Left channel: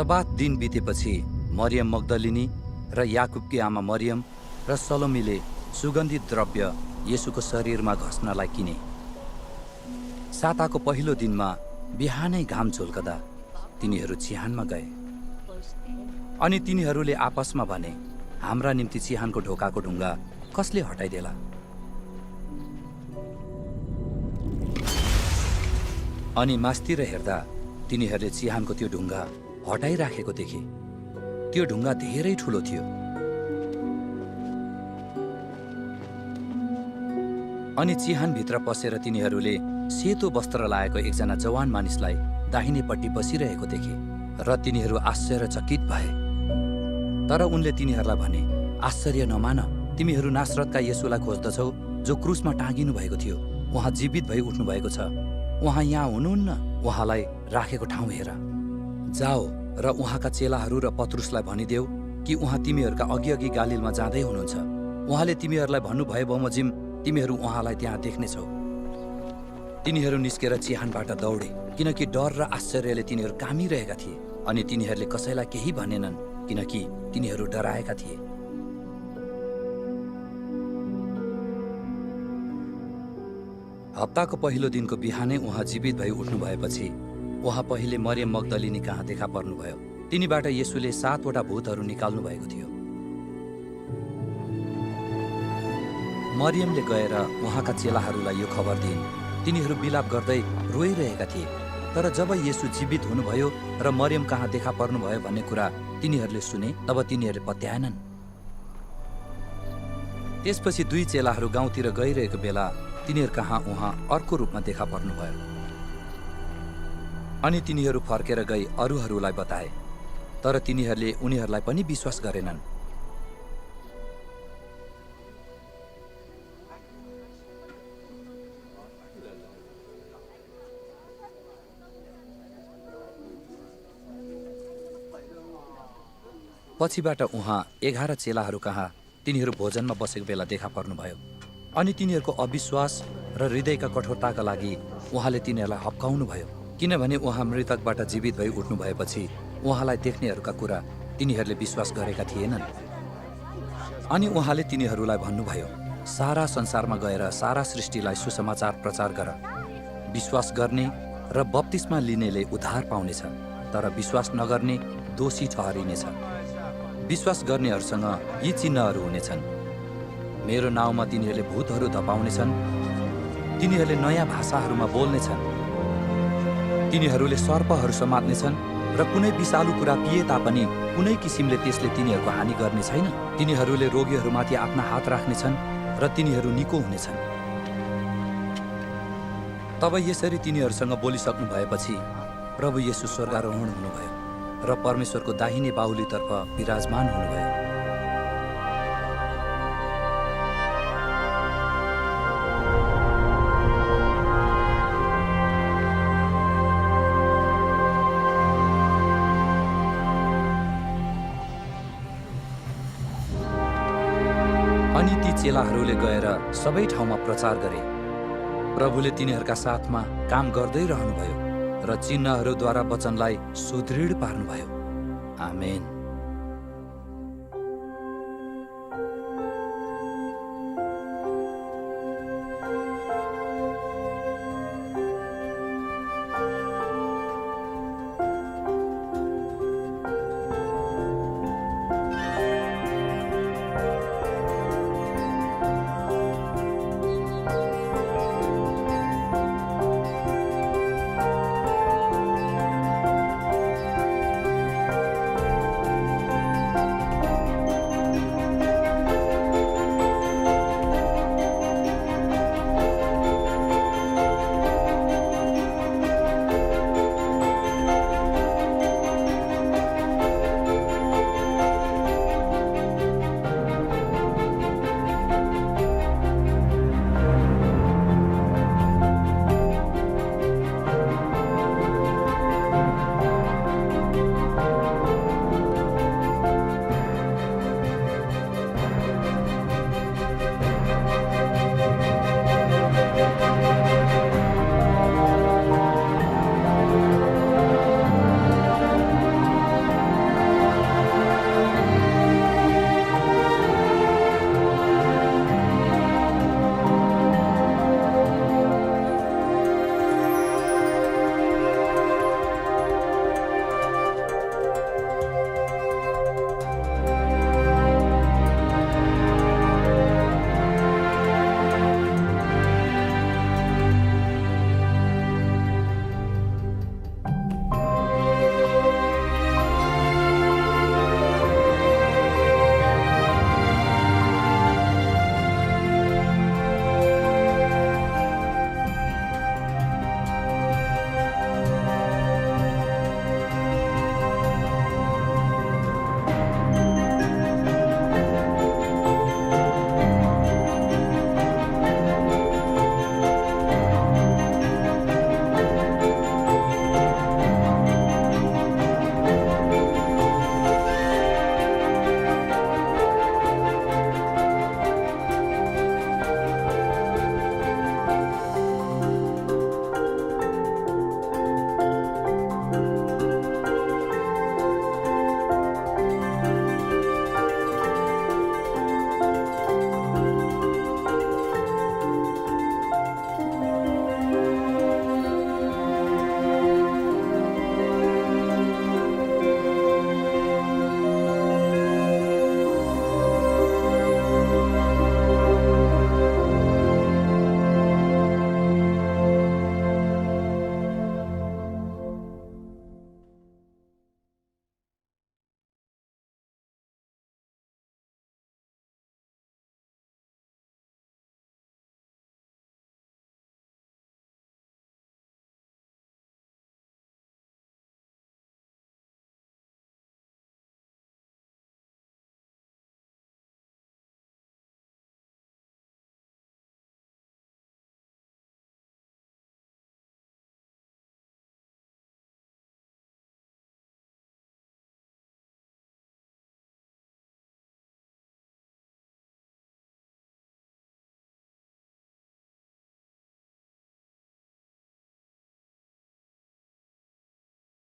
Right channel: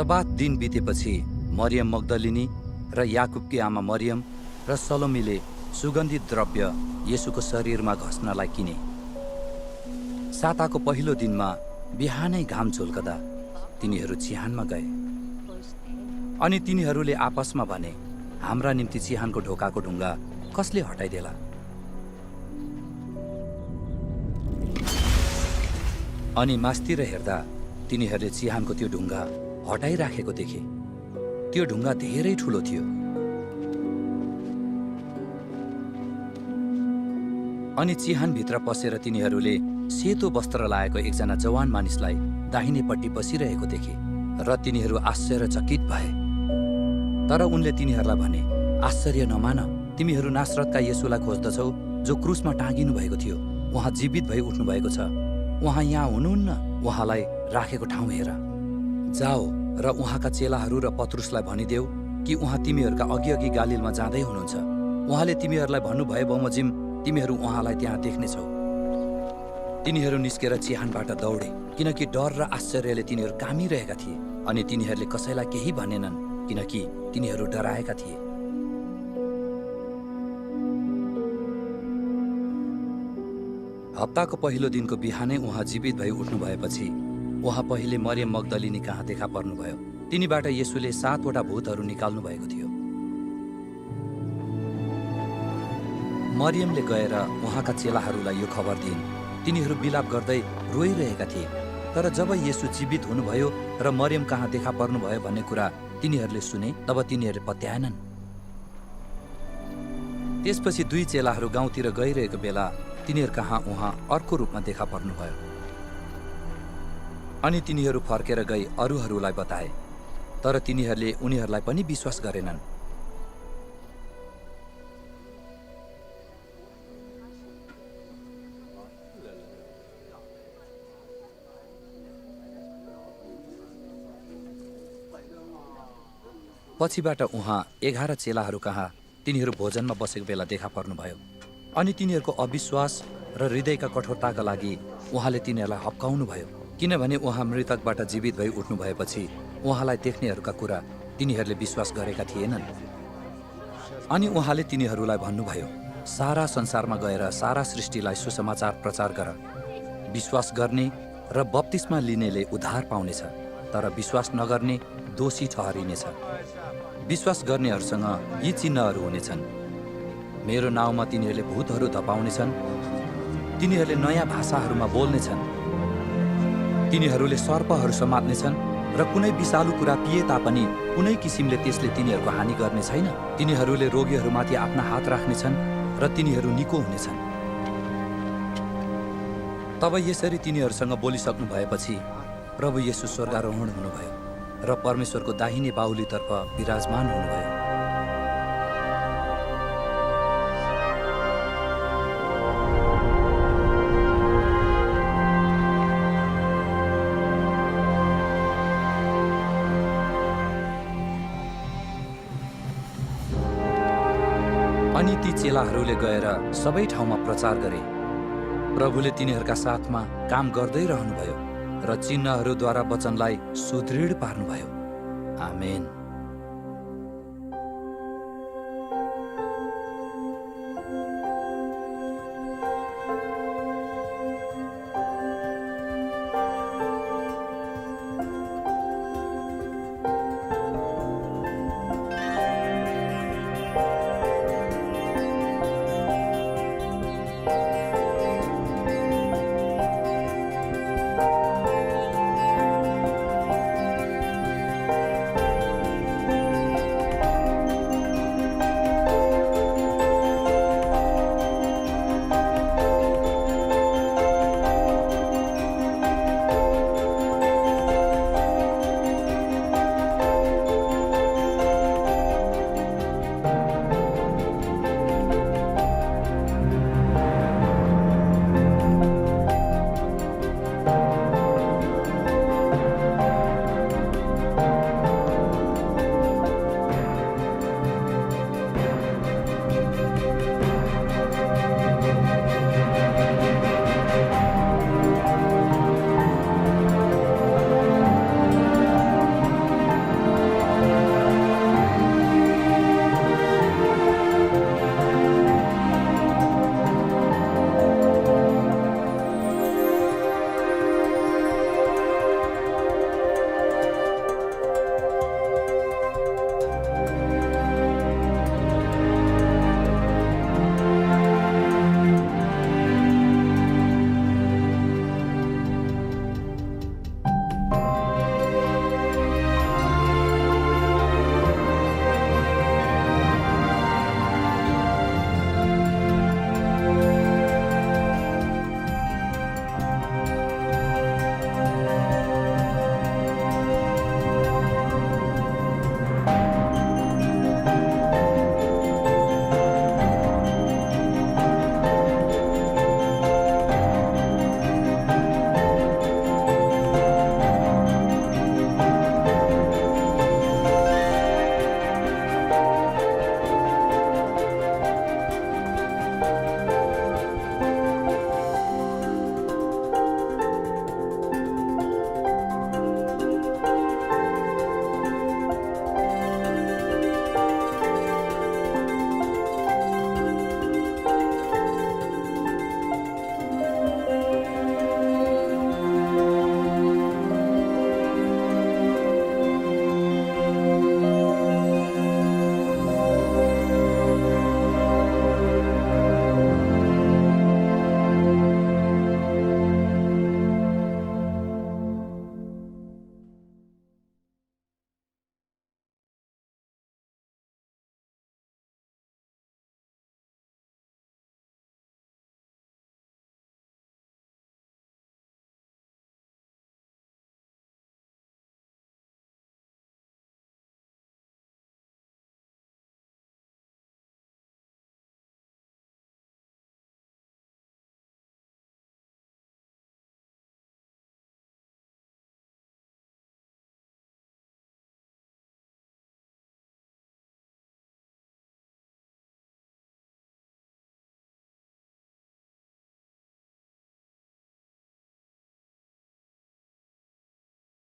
7 दिन बितेपछि मरियम मग्दलिनी र याकुबकी आमा मरियम र सलोमीले सुगन्धित द्रव्य येशूको शरीरमा घस्नलाई किने। साताको पहिलो दिनमा बिहानै घाम झुल्कदा तिनीहरू चिहानमा गए। अनि तिनीहरूले आपसमा भने, हाम्रा निम्ति चिहानको ढोकाको ढुङ्गा कसले हटाइदेला? अनि मास्तिर हेर्दा तिनीहरूले चिहानको त्यो ढुङ्गा हटाइराखेको देखे। त्यो ढुङ्गा धेरै ठुलो थियो। अनि चिहानभित्र पसेर तिनीहरूले सेतो वस्त्र लाएको एकजना जवान मानिसलाई दाहिनेपट्टि बसिरहेको देखे र तिनीहरू आश्चर्यचकित भए। तर उनले तिनीहरूलाई भने, आश्चर्य नमान, तिमीहरू नासरतका येशूलाई खोज्दछौ जो क्रुसमा टाँगिनु भएको थियो। उहाँ जीवित भई उठ्नु भएको छ। उहाँ यहाँ हुनुहुन्न। उहाँलाई राखेको ठाउँ हेर। जाओ र उहाँका चेलाहरू र पत्रुसलाई भनिदेऊ कि उहाँ तिमीहरूका अघि गालिलमा जाँदै हुनुहुन्छ। उहाँले तिमीहरूलाई भन्नुभए बमोजिम तिमीहरू उहाँलाई त्यहाँ देख्नेछौ। तिनीहरू निस्केर चिहानबाट दौडे, किनकि डर र आश्चर्यले तिनीहरू कामिरहेका थिए। अनि तिनीहरूले कसैलाई केही भनेनन्, किनकि तिनीहरू डराएका थिए। हप्ताको पहिलो दिनको बिहानै उहाँ जीवित भई उठ्नु भएपछि उहाँ पहिले मरियम मग्दलिनी कहाँ देखा पर्नुभयो। तिनीबाट येशूले 7वटा भूतहरू निकाल्नु भएको थियो। मरियमले गएर उहाँका चेलाहरूलाई यो खबर दिइन्। तिनीहरू बिलाप गर्दै रोइरहेका थिए। तर जब येशू जीवित हुनुभयो र मरियम कहाँ देखा पर्नुभयो भन्ने कुरा तिनीहरूले सुने, तब तिनीहरूले पत्याएनन्। त्यसपछि 2 चेलाहरू गाउँतिर गइरहेको बेला तिनीहरू कहाँ उहाँ अर्को रूपमा देखा पर्नुभयो। अनि तिनीहरू फर्केर गई अरूहरूलाई बताए, तर तिनीहरूले उनीहरूलाई पनि विश्वास गरेनन्। पछिबाट उहाँ 11 चेलाहरू कहाँ तिनीहरू भोजनमा बसेको बेला देखा पर्नुभयो। अनि तिनीहरूको अविश्वास र हृदयका कठोरताका लागि उहाँले तिनीहरूलाई हप्काउनुभयो, किनभने उहाँ मृतकबाट जीवित भई उठ्नु भएपछि उहाँलाई देख्नेहरूका कुरा तिनीहरूले विश्वास गरेका थिएनन्। अनि उहाँले तिनीहरूलाई भन्नुभयो, सारा संसारमा गएर सारा सृष्टिलाई सुसमाचार प्रचार गर। विश्वास गर्ने र बप्तिस्मा लिनेले उद्धार पाउनेछ, तर विश्वास नगर्ने दोषी ठहरिनेछ। विश्वास गर्नेहरूसँग यी चिन्हहरू हुनेछन्। मेरो नाउँमा तिनीहरूले भूतहरू धपाउनेछन्, तिनीहरूले नयाँ भाषाहरूमा बोल्नेछन्, तिनीहरूले सर्पहरू समात्नेछन् र कुनै विषालु कुरा पिए तापनि कुनै किसिमले त्यसले तिनीहरूको हानि गर्ने छैन। तिनीहरूले रोगीहरूमाथि आफ्ना हात राख्नेछन् र तिनीहरू निको हुनेछन्। तब यसरी तिनीहरूसँग बोलिसक्नु भएपछि प्रभु येशू स्वर्गारोहण हुनुभयो र परमेश्वरको दाहिने बाहुलीतर्फ विराजमान हुनुभयो। अनि ती चेलाहरूले गएर सबै ठाउँमा प्रचार गरे। प्रभुले तिनीहरूका साथमा काम गर्दै रहनुभयो र चिन्हहरूद्वारा वचनलाई सुदृढ पार्नुभयो। आमेन।